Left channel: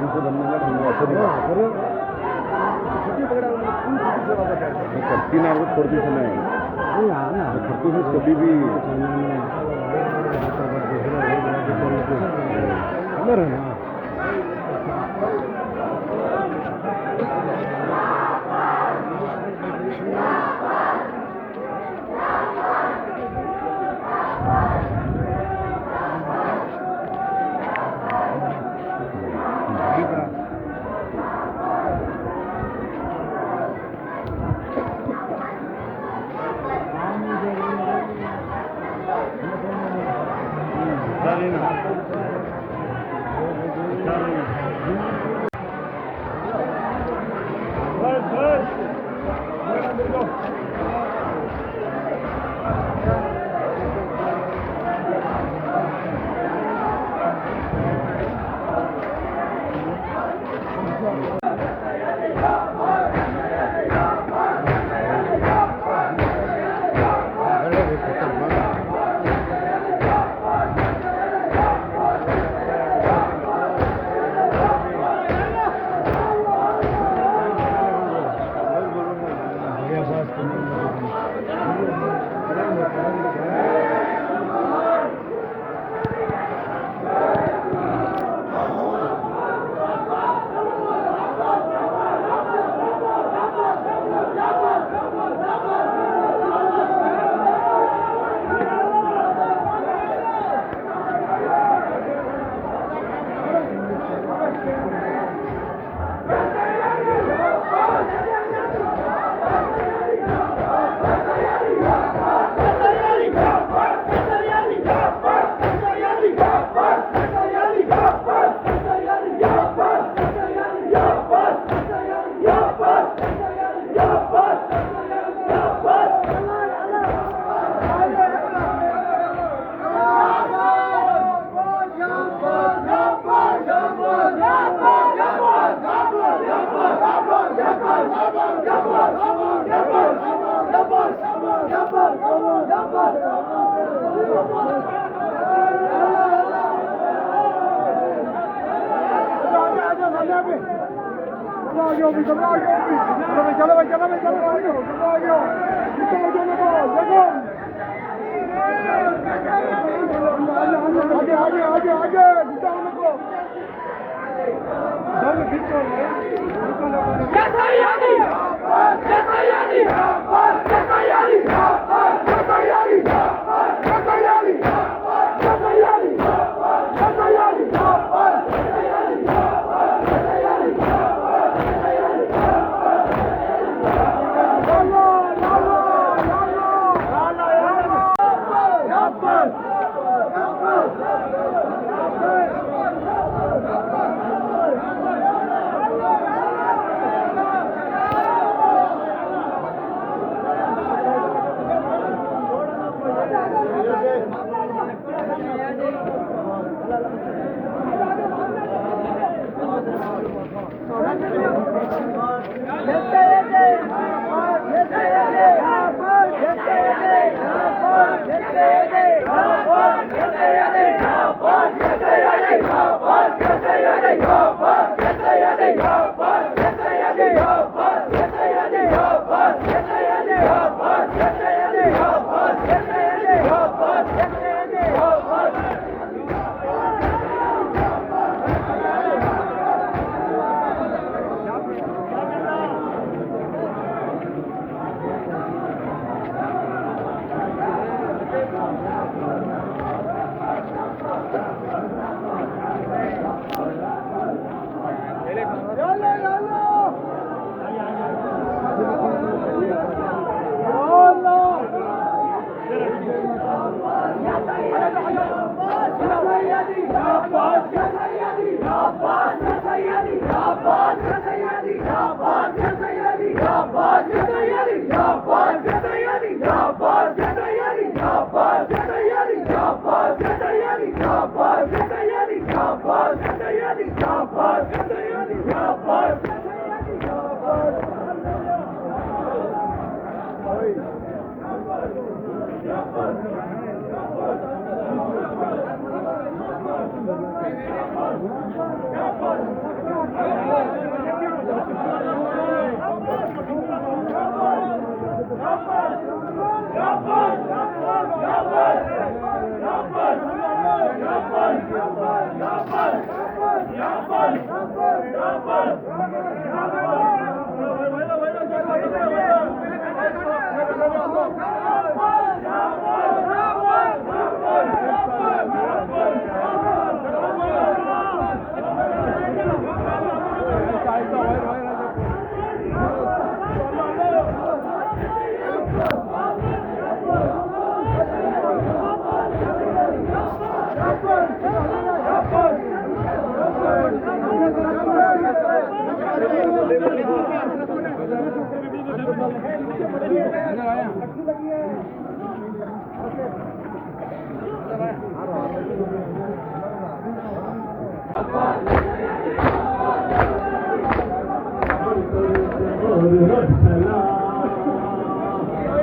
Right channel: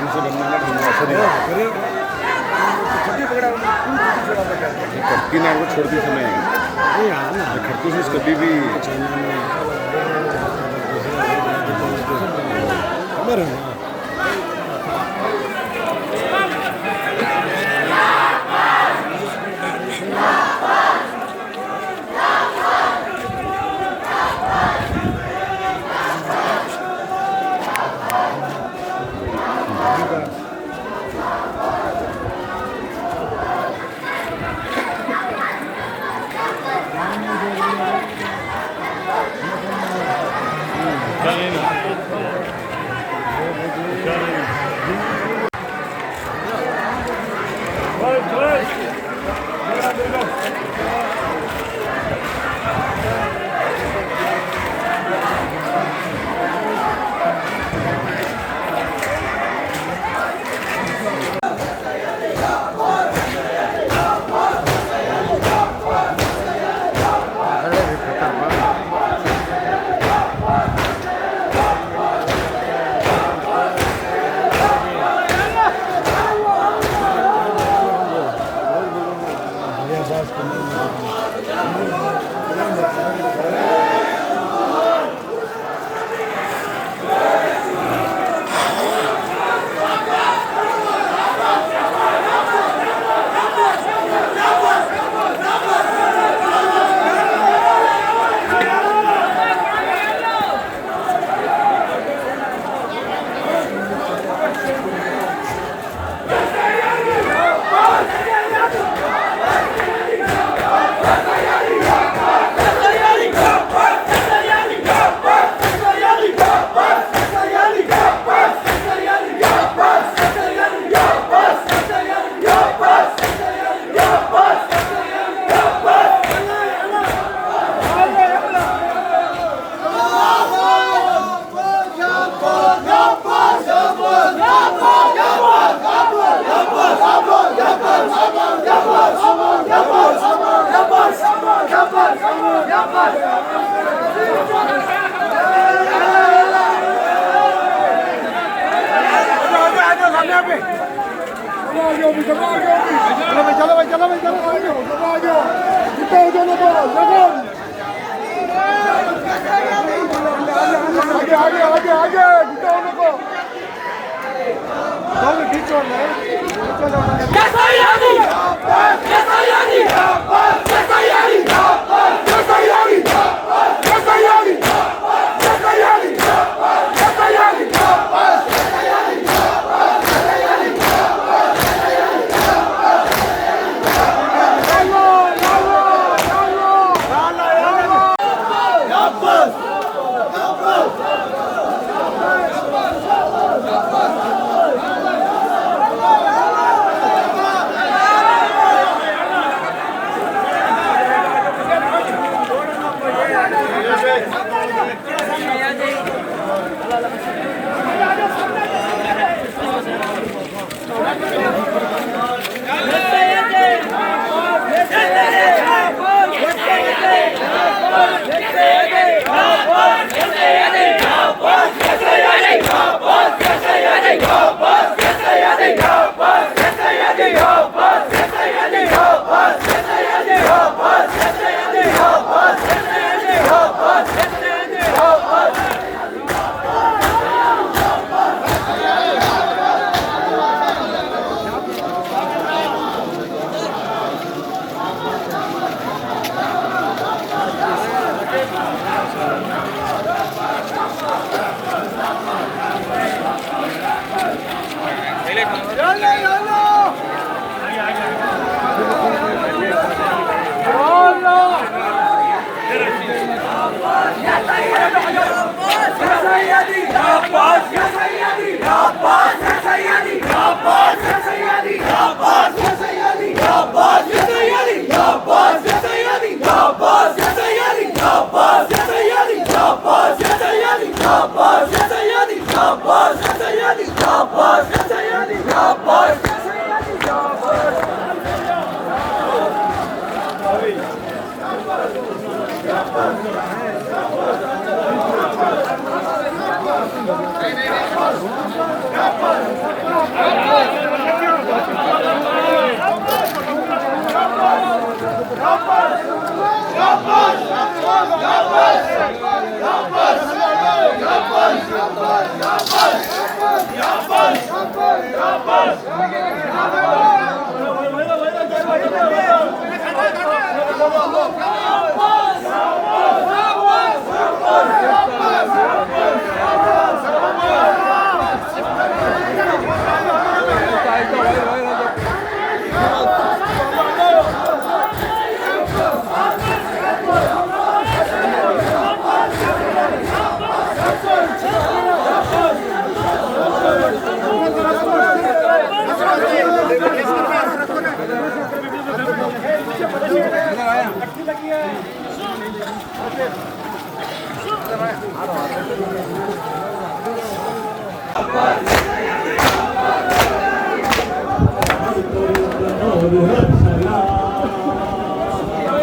ढंग से बनना है ढंग से नहीं फिर छुट्टी पकड़ा फुल छुट्टी छोड़ा पड़ा ये कटकी ना वो छोड़ दी समय नहीं हाँ ना खड़की से कभी भी खबर है ना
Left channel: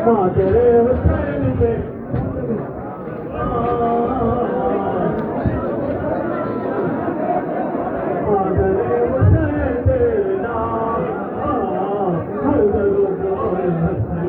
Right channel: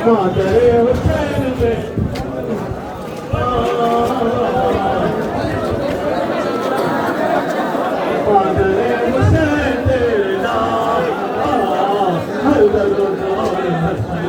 मादरे हुसैन दे मादरे हुसैन दे नाल हर दर्द और हसला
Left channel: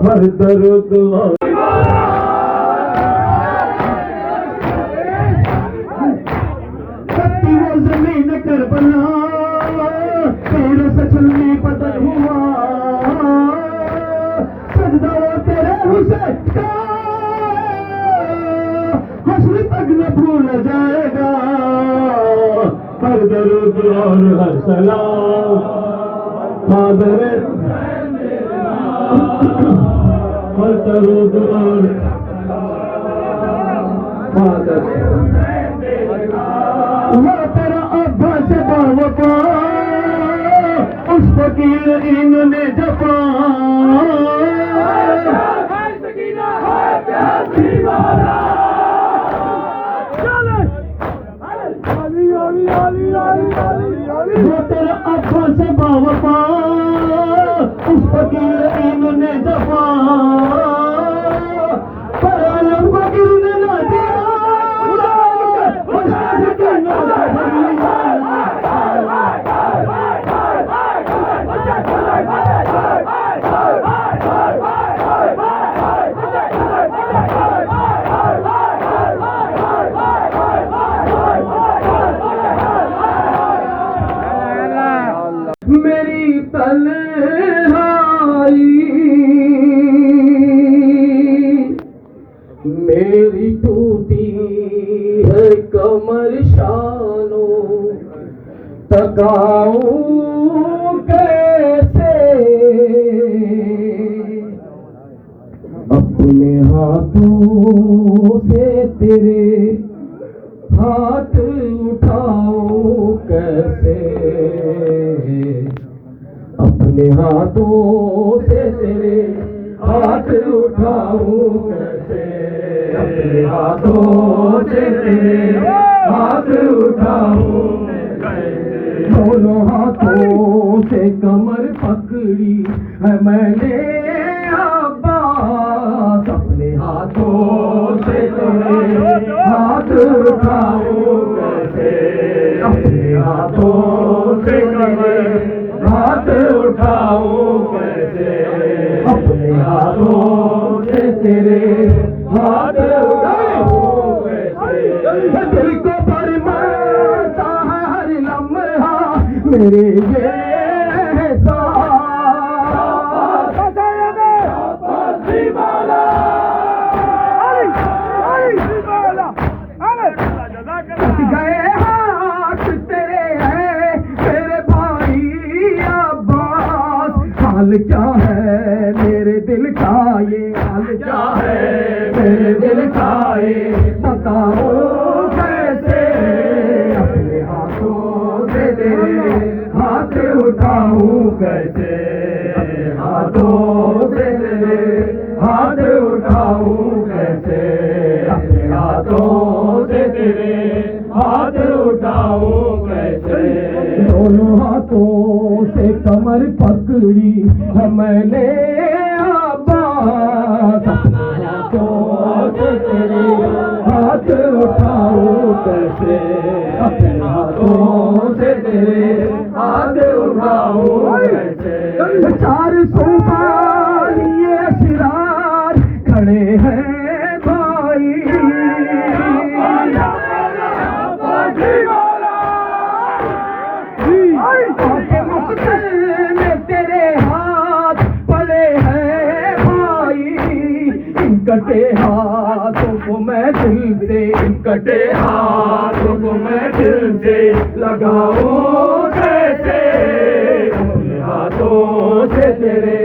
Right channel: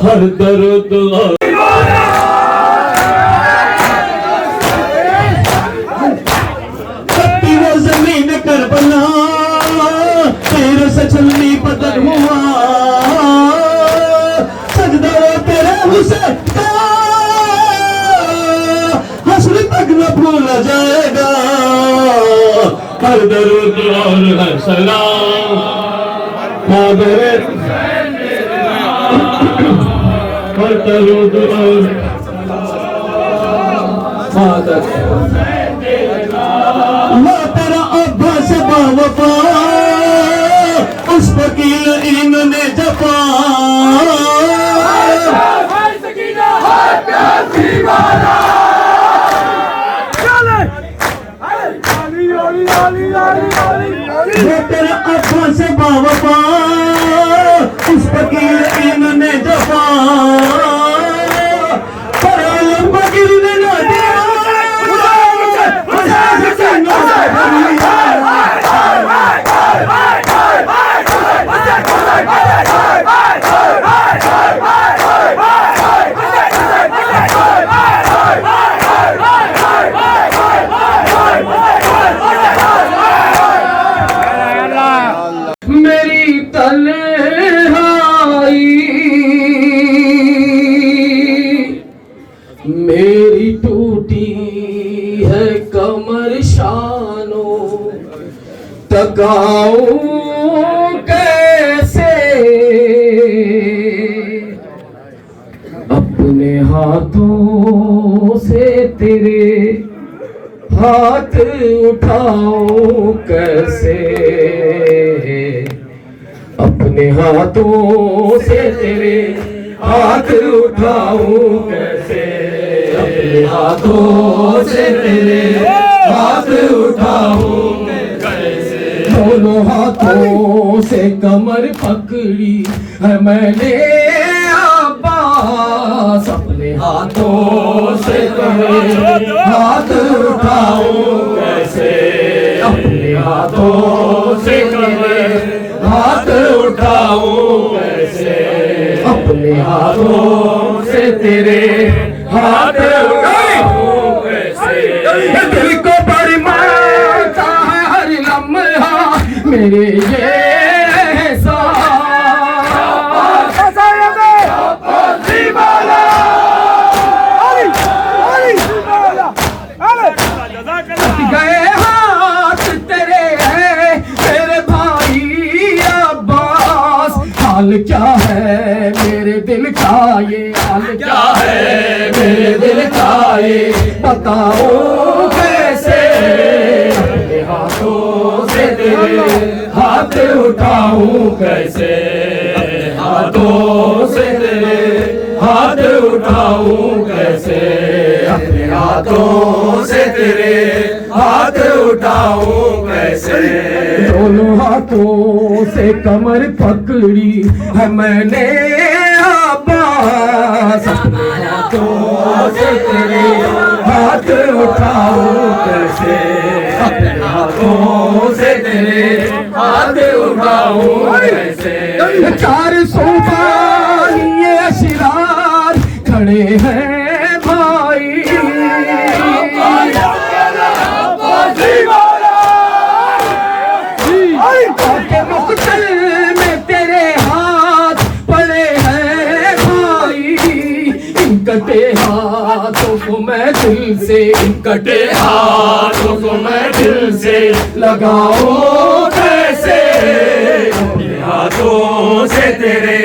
हर दर्द सत्ती वो जमीन करबला तेरे से छलनी बदल हुआ सजदा वो तेरे हुसैन का हश्र तक न भूला जाएगा हर दर्द और हर सलाम मादरे तेरा अब्बा से बावफा उस फकीर इन्होंने जफा तेरा अब्बा से बावफा उस फकीर इन्होंने जफा मेरी तन्हाई मेरी टूटी है कमर शानो तकाऊं कैसे अपने हाथों से तेरे हाथ उठाऊं कैसे अपने हाथों से तेरे हाथ उठाऊं कैसे अपने हाथों से तेरे हाथ उठाऊं कैसे दोनों हाथों से कमर पकड़ी है मैंने अब्बास अपने हाथों से तेरे हाथ उठाऊं हाथों से तेरे हाथ उठाऊं कैसे दिल को बड़ी मारता है हर लम्हा मेरे ये गए हाथ तेरे हैं मेरे भाई अब्बास हाल क्या है मेरे दिल का ये हाल क्या है मेरे दिल का ये बताओ कैसे अपने हाथों से तेरे हाथ उठाऊं कैसे अपने हाथों से तेरे हाथ उठाऊं कैसे अपने हाथों से तेरे हाथ उठाऊं कैसे दोनों हाथों से कमर पकड़ी है मैंने अब्बास अपने हाथों से तेरे हाथ उठाऊं कैसे अपने हाथों से तेरे हाथ उठाऊं कैसे 400 ये अशरार खड़े हैं भाई में तेरे हाथ पड़े हैं भाई इन कटे हाथों को मैं दिल से इन कटे हाथों को मैं दिल से लगाऊं कैसे अपने हाथों से तेरे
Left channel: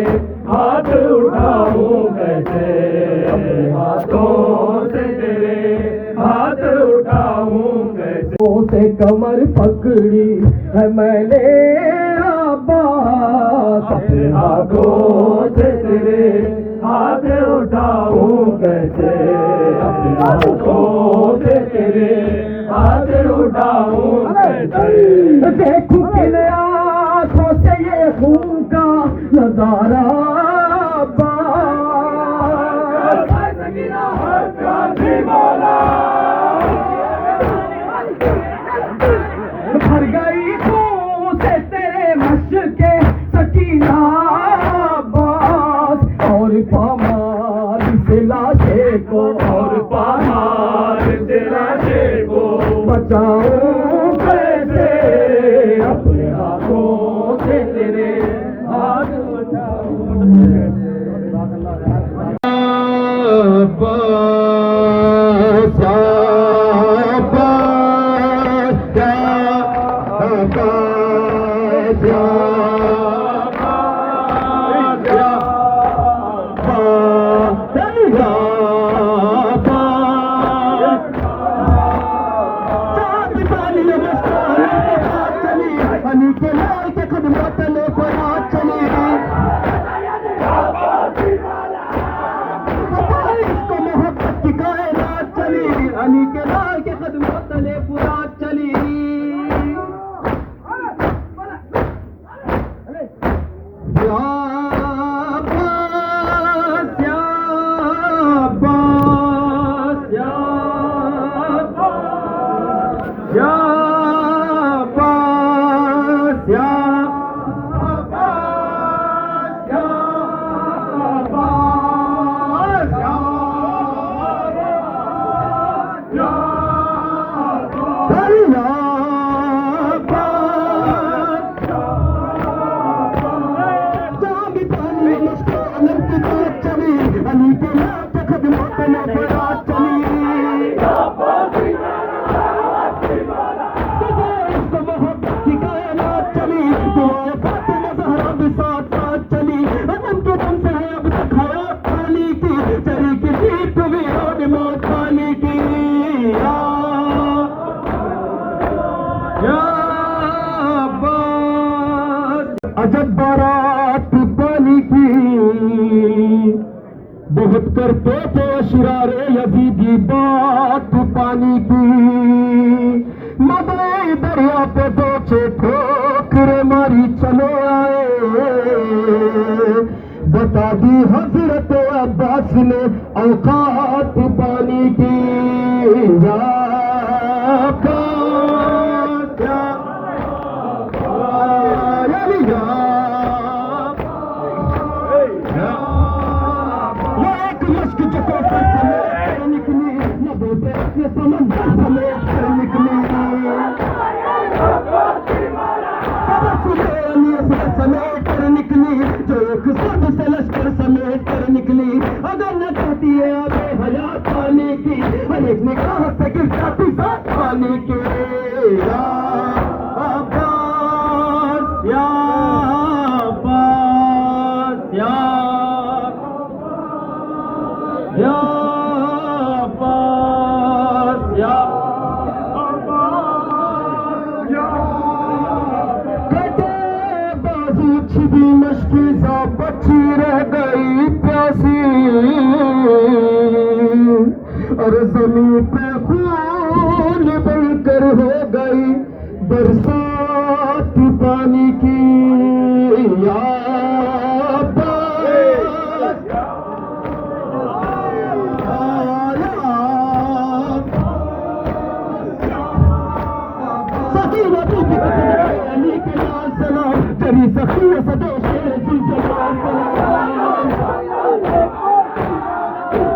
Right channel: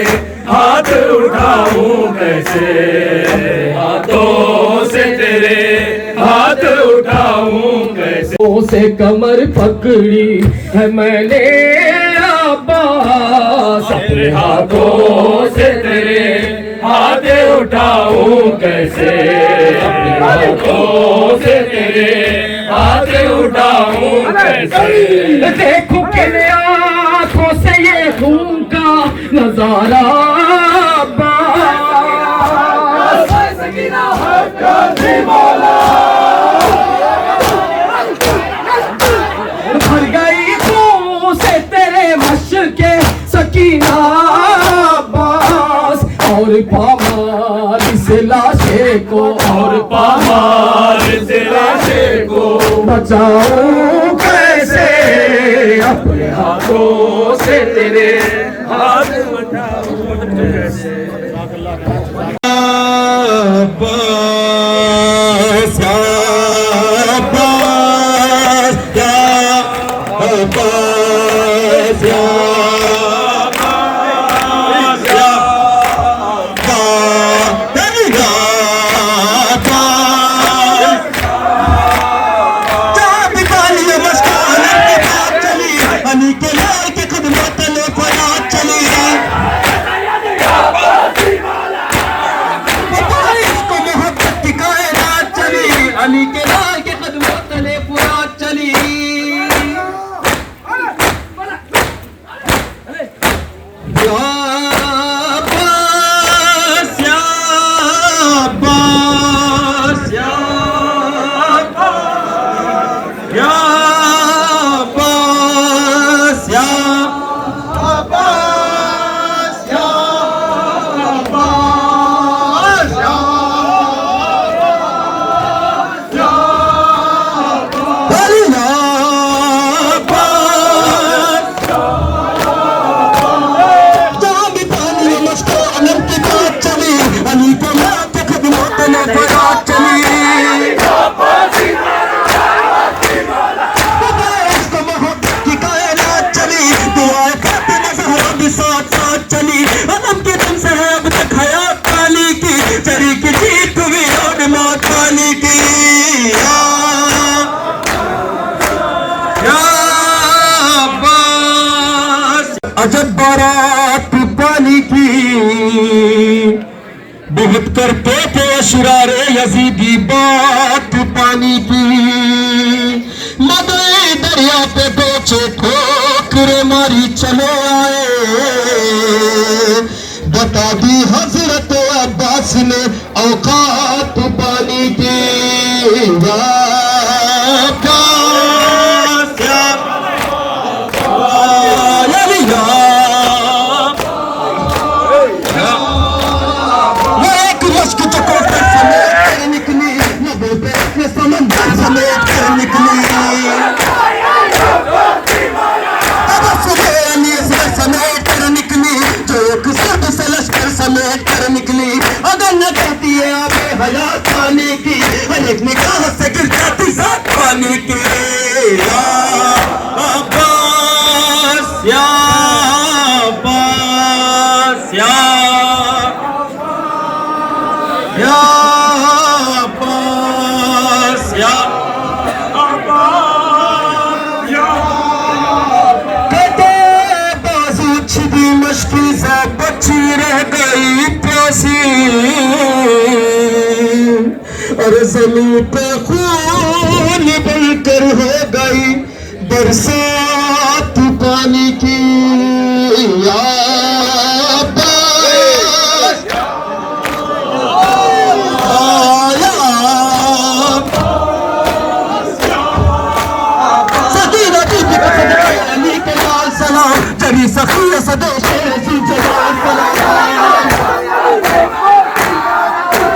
हाथ उठाऊं कैसे अपने हाथों से तेरे हाथ उठाऊं कैसे से कमर पकड़ी है मैंने अब्बास अपने हाथों से तेरे हाथ उठाऊं कैसे अपने हाथों से तेरे हाथ उठाऊं कैसे देखूं किन आंखों से ये खून का नजारा भर गई खून से तेरे मशके सकीना अब्बास और पामाल से लाशे को और पामाल से लाशे को बचाऊं कैसे अपने हाथों से तेरे हाथ उठाऊं कैसे अली के लाल के कदमों तले पूरा चली अजब बारात पानी की बहुत करते थे अशरारे यजीदी बात पानी की मदई दरिया पे बेचे ठोकरे मारी चले आए बता दी हजरत अब्बास ने औकात पानी की हयात पानी की, एक निगाह से गिर जाती जात पानी की। या अब्बास या अब्बास या अब्बास या छिदी मुश्किल से बची रह गई प्यासी, और ज़मीन पे खून बनकर हो गई बरसात पानी की। या अब्बास, या अब्बास, सकीना बीबी का सदका अली के लाल सलाम, जरी सखिया सदे शेर सी जलाल सलाम,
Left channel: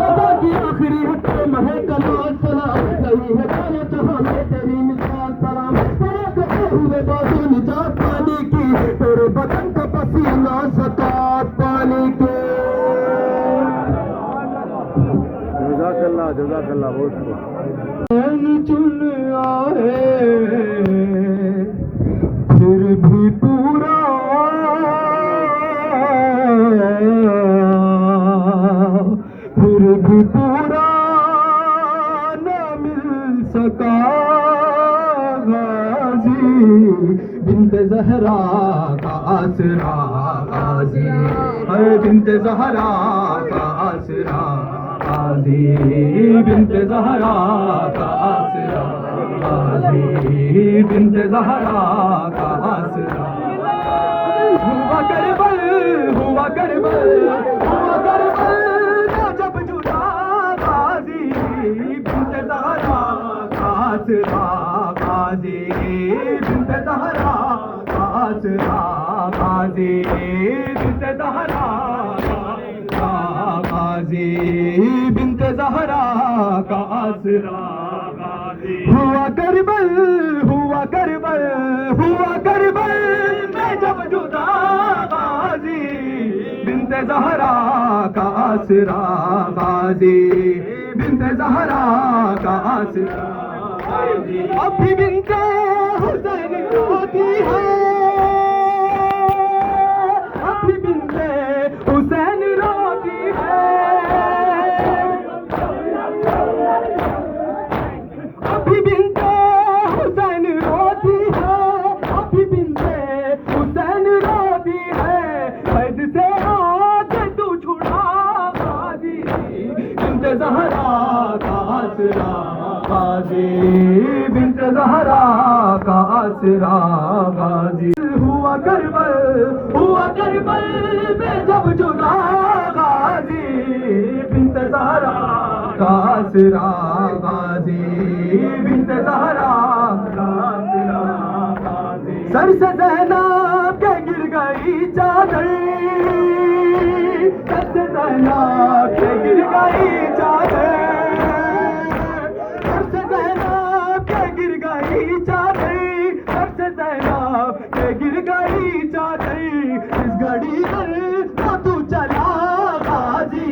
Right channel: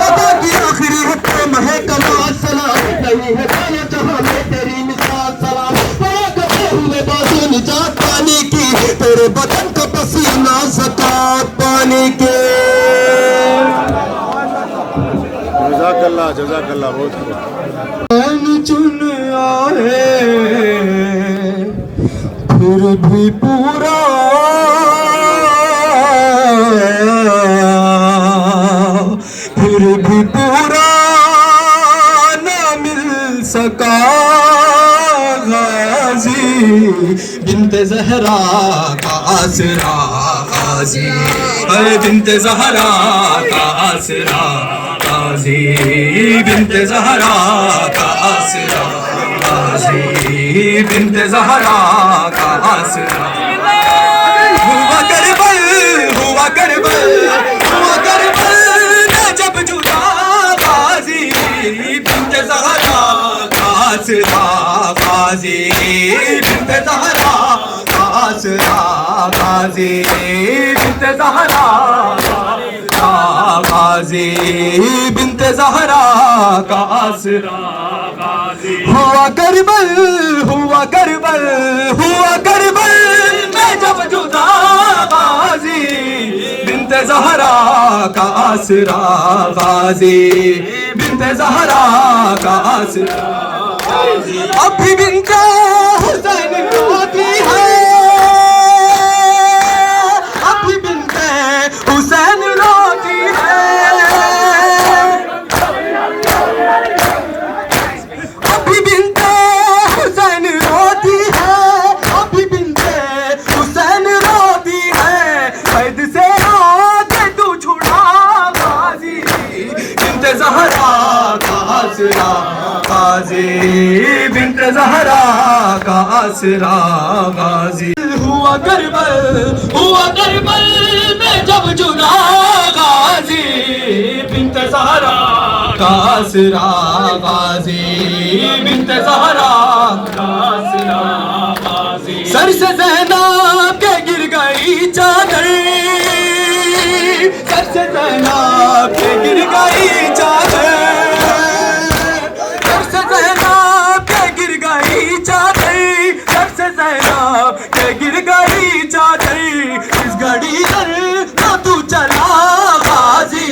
अदा की आखिरी हुक्म है कमाल सलाम, नहीं है जाने जहां में तेरी मिसाल सलाम। बड़ा कपे हुए बाजू निजात पानी की, तेरे बदन का पसीना ज़कात पानी के। जज़ाकल्लाह बहुत खूब। चुन आए फिर भी पूरा न मिल सका गाजी, बिन्ते ज़हरा का आसरा गाजी, बिन्ते ज़हरा का आसरा गाजी, बिन्ते ज़हरा का आसरा गाजी, बिन्ते ज़हरा का आसरा। हुआ करबल, हुआ करबल, हुआ करबल न जब जुदा गाजी, बिन्ते ज़हरा का आसरा गाजी, बिन्ते ज़हरा का आसरा गाजी, बिन्ते ज़हरा का गाजी, बिन्ते ज़हरा का आसरा गाजी। हुआ करबल, हुआ करबल, हुआ करबल मैं जब जुदा गाजी, बिन्ते ज़हरा का आसरा गाजी, बिन्ते ज़हरा का आसरा गाजी। अब भी बिन्ते हुसैन रोती है, अब भी बिन्ते हुसैन रोती है, अब भी बिन्ते हुसैन रोती है, अब भी बिन्ते हुसैन रोती है। कैद से आके तू छुड़ा गाजी, बिन्ते ज़हरा का आसरा गाजी, बिन्ते ज़हरा का आसरा गाजी। हुआ करबल में जब जुदा गाजी, बिन्ते ज़हरा का आसरा गाजी, बिन्ते ज़हरा का आसरा गाजी। सर से ज़ैनब के गिर गई चादर, सर से ज़ैनब के गिर गई चादर, सर से ज़ैनब के गिर गई चादर, सर से ज़ैनब के गिर गई चादर। इस घड़ी पर ना तू चला गाजी,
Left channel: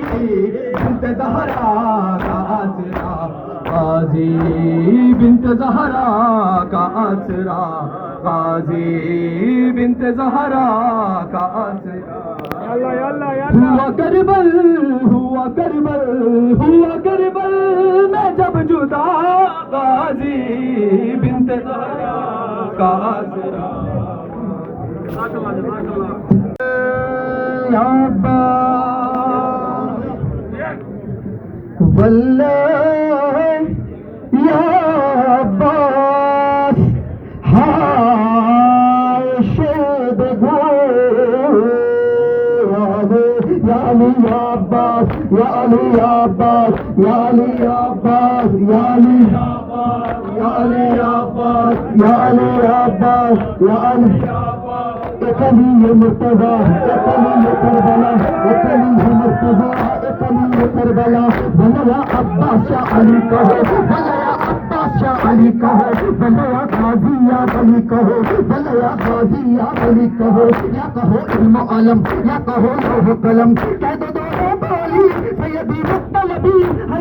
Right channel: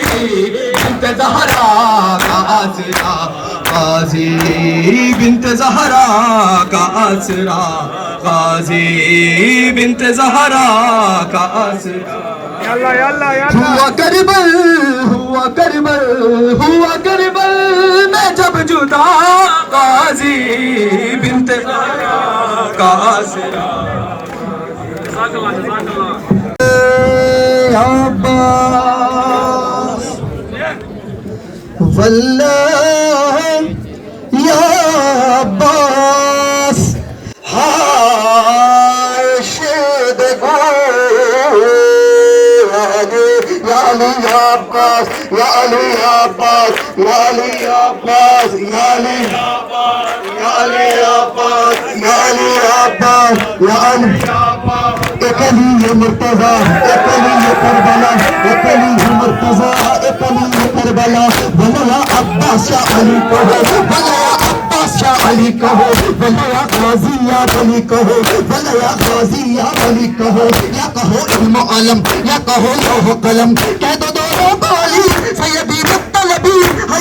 बिन्ते ज़हरा का आसरा गाजी, बिन्ते ज़हरा का आसरा गाजी, बिन्ते ज़हरा का आसरा। हुआ करबल, हुआ करबल, हुआ करबल मैं जब जुदा गाजी, बिन्ते ज़हरा का आसरा। अब्बास वल्लाह या अब्बास, हाय शेद गो या अली या अब्बास, या अली या अब्बास, या अली या अब्बास, या अली या अली या अब्बास, या अली या अब्बास, या अली एक अली ये मुर्तज़ा, एक अली ये करबला, एक अली ये मुर्तज़ा, एक अली ये करबला। भला अब्बास या अली कहो, भला अब्बास या अली कहो, भला गाज़ी या अली कहो, भला गाज़ी या अली कहो, या कहो इल्म अलम, या कहो लौह कलम, कह दो दोनों बाली सैयदी मुत्तलबी है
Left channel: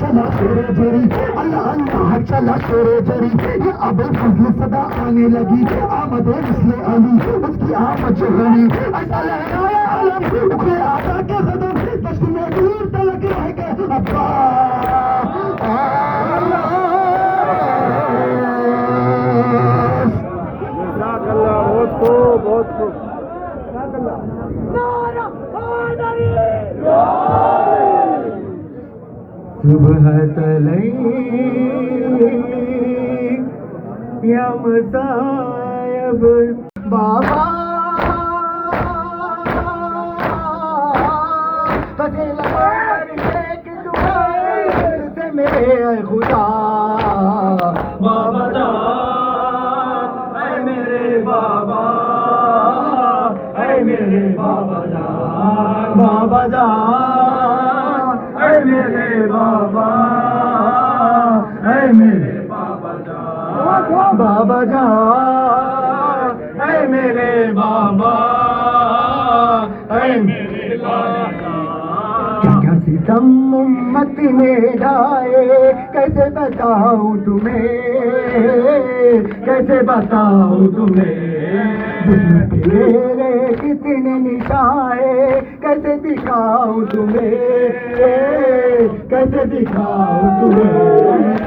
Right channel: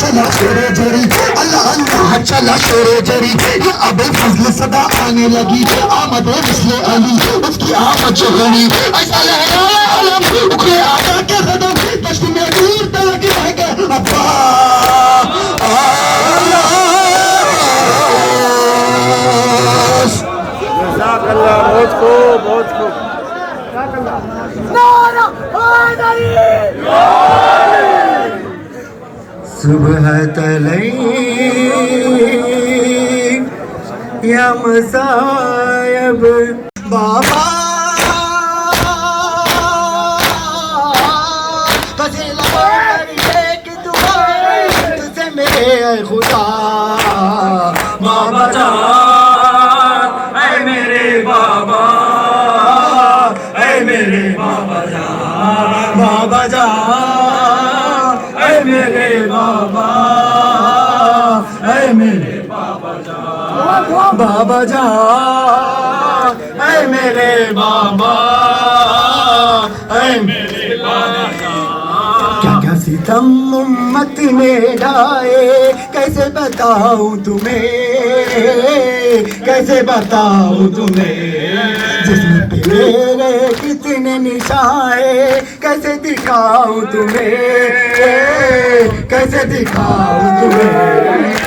चला शेरे जरी अल्लाह चला शेरे जरी ये अबे फजल सदा आने लगी आमद मिसले अली उसकी आमद जो घड़ी ऐसा लहरा आलम उखड़े आका के कदम दश्त में दूर तक रहेगा अब्बा जज़ाकल्लाह बहुत खूब बहुत खूब सुबह तलई या मसायब बाबा तुझसे मेरे खुदा बाबा जान ऐ मेरे बाबा ऐ मेरे बाबा जान बाबा जान ऐ मेरे बाबा ऐ मेरे बाबा जान बाबा जान ऐ मेरे बाबा ऐ मेरे बाबा क्या क्या सितम उम्मत ने ढाए कैसे बताऊं तुम्हें कैसे बताऊं तुम्हें जिस्म पे मेरे कितने निशाए कैसे दिखाऊं तुम्हें कैसे दिखाऊं तुम्हें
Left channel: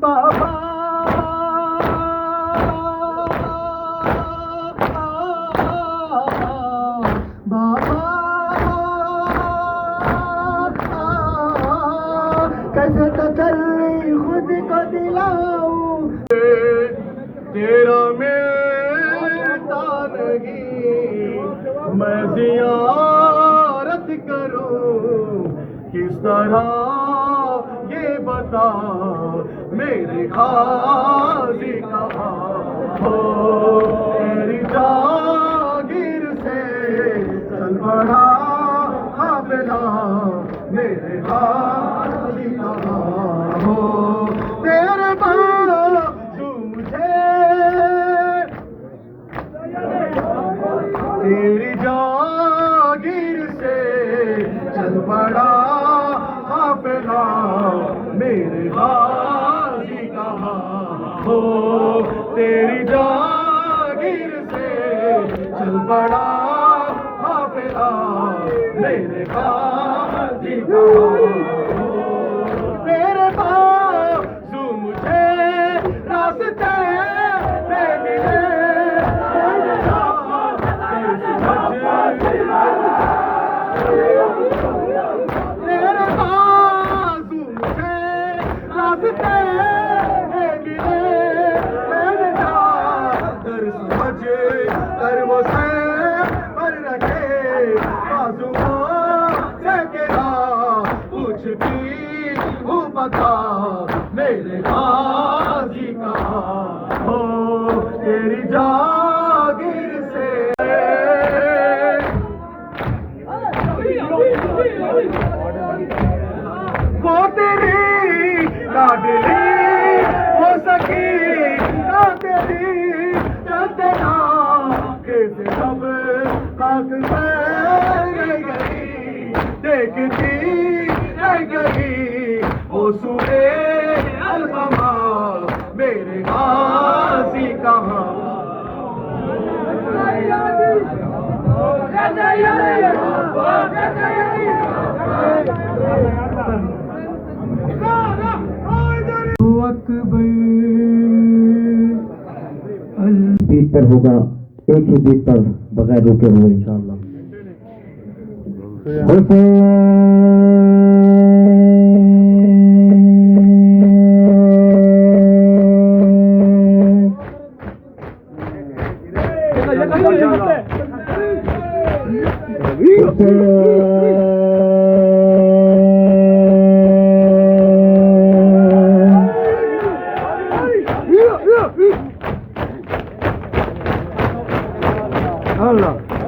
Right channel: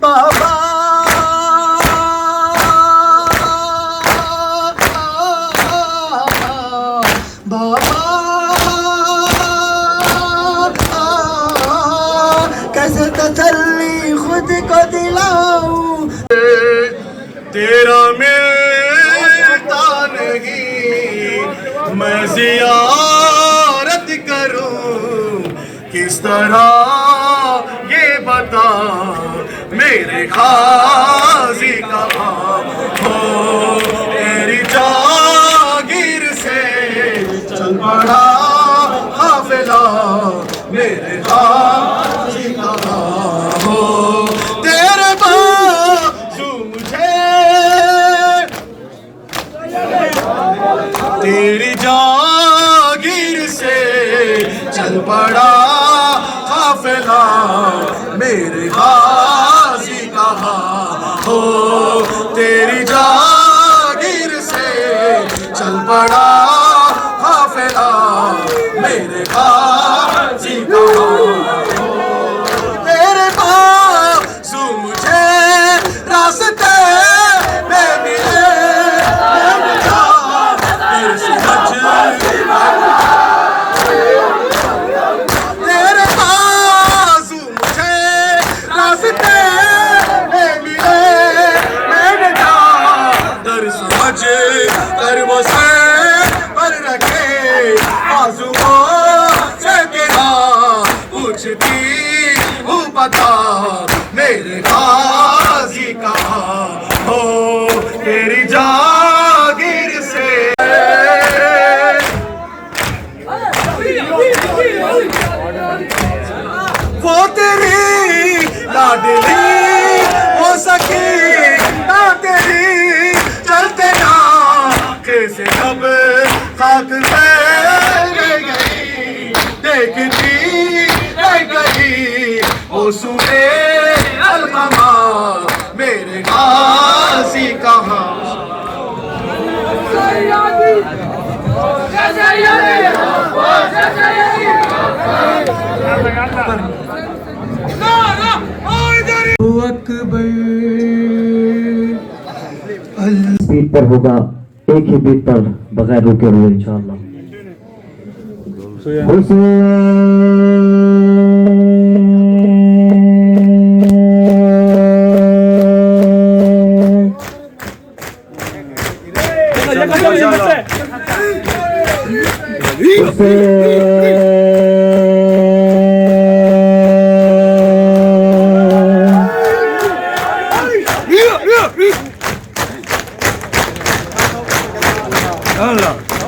बाबा बाबा कैसे तसल्ली खुद को दिलाऊं तेरा मिलता नहीं मैं ज़ियारत करूं किस तरह ये बता मेरे खाजी कहाँ हो तेरी जागीर से चल पड़ा काफिला मेरे खाजी कहाँ हो तेरे बाजू मुझे तेरी जागीर से चल पड़ा काफिला मेरे खाजी कहाँ हो तेरी जागीर से चल पड़ा काफिला मेरे खाजी कहाँ हो तेरे बाजू मुझे रास्ते में मिले तेरे समझ तेरे बाजू मुझे रास्ते में मिले मैंने दर समझ कर वो से पर रखे बाजुओं से तेरा पूछती हूँ बता मेरे खाजी कहाँ हो तेरी जागीर से वो तेरी लाडली हो सके ना तेरी चलते ना कैसे कब खाक पे गई देखती रह गई वो सुबह अलकमा मेरे गाजी कहाँ बीट पर होगा एक ही बीट पर बगैर रुके हुए इंशाअल्लाह हुसैन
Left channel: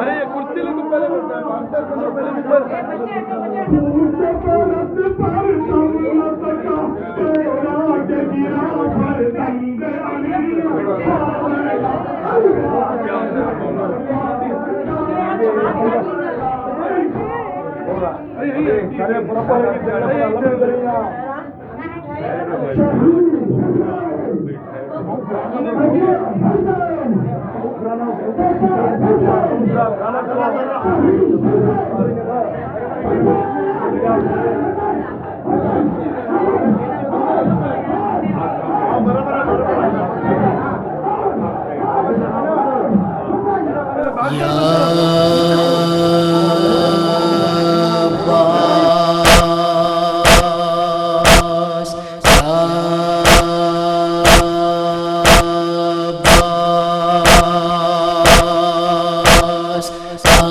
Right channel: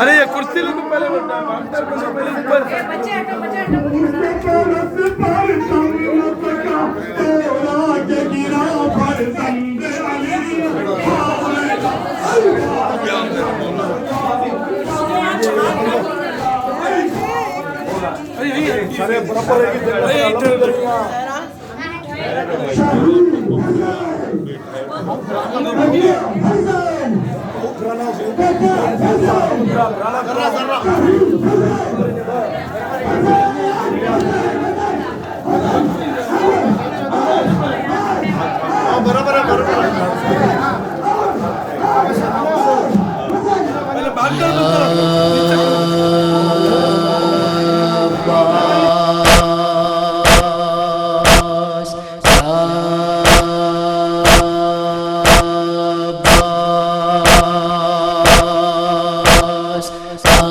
अरे ये कुर्सी लेके पहले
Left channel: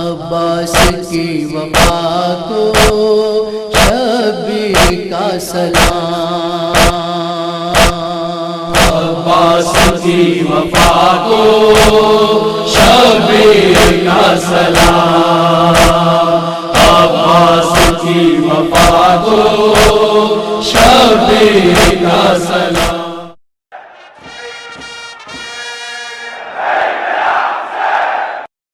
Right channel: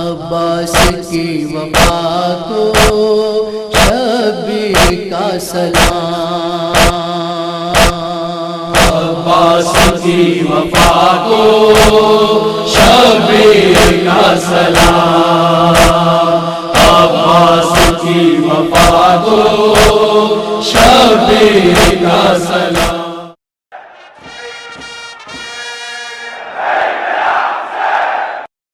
अब्बास की वफा को शबीर का सलाम अब्बास की वफा को शबीर का सलाम अब्बास की वफा को शबीर का सलाम